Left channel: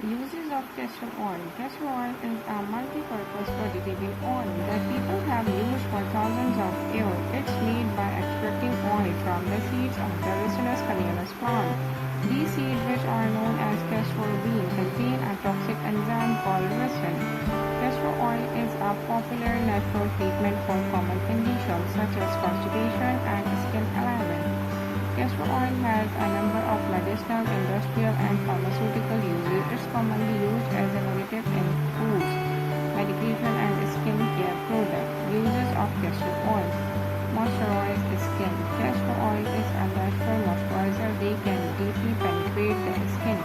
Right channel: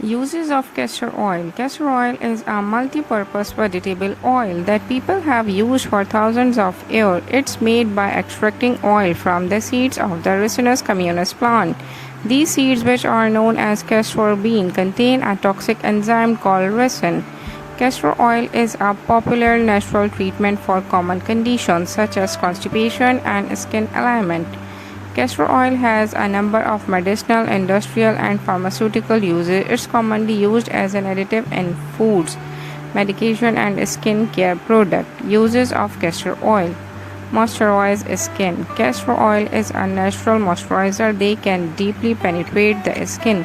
Uses of castor oil. Castor oil is a multi-purpose vegetable oil that people have used for thousands of years. It's made by extracting oil from the seeds of the Ricinus communis plant. These seeds, which are known as castor bean, contain a toxic enzyme called ricin. Castor oil is a popular natural treatment for common conditions such as constipation and skin alignment. Castor oil has a number of medicinal, industrial, and pharmaceutical uses. It's commonly used as an additive in foods, medication, and skin care products. Uses of castor oil. Moisturize skin. Castor oil is a natural moisturizer. They can deeply penetrate the skin,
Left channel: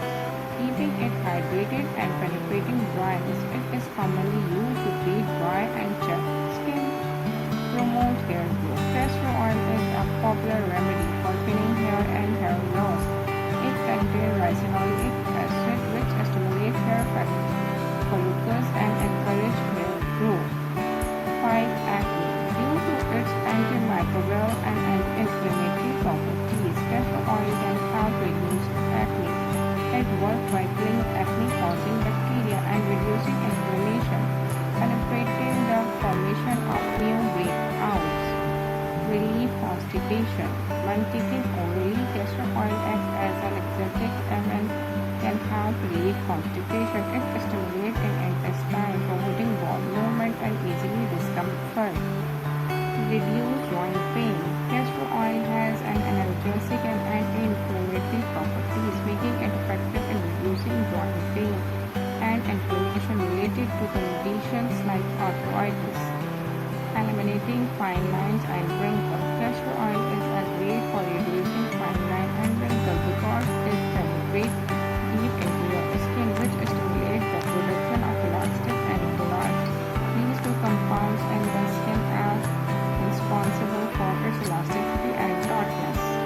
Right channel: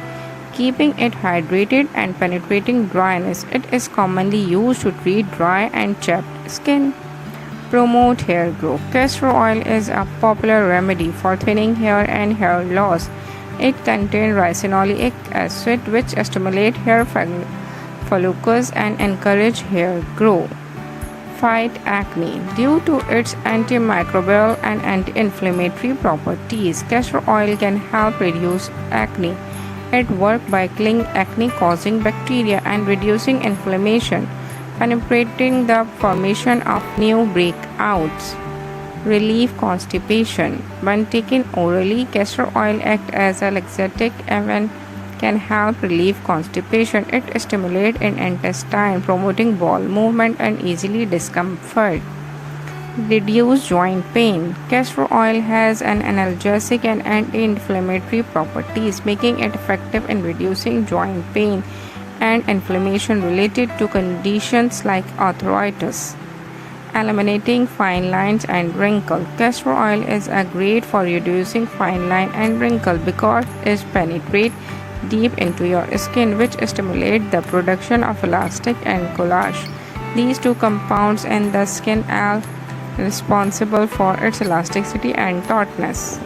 keeping it hydrated and penetrating dryness. It is commonly used to treat dry and chapped skin. Promote hair growth. Castor oil is a popular remedy for thinning hair and hair loss. It contains ricinoleic acid, which stimulates hair follicles and encourage hair growth. Fight acne. Due to its antimicrobial and anti-inflammatory properties, castor oil can help reduce acne. It works by killing acne-causing bacteria and reducing inflammation, penetrating the formation of new breakouts. Relieve constipation. When taken orally, castor oil acts as a laxative and can help relieve constipation. It stimulates in intestine, promoting bowel movement and easily discomfort. Reduce joint pain. Castor oil has an analgesic and anti-inflammatory properties, making it effective in reducing joint pain and inflammation related to conditions like arthritis. Eliminating fine lines and wrinkles. Castor oil is great for reducing fine line and wrinkle because it penetrates deep into your skin, which stimulates the production of elastic and collagen. These two compounds in the skin are responsible for its elasticity and tautness.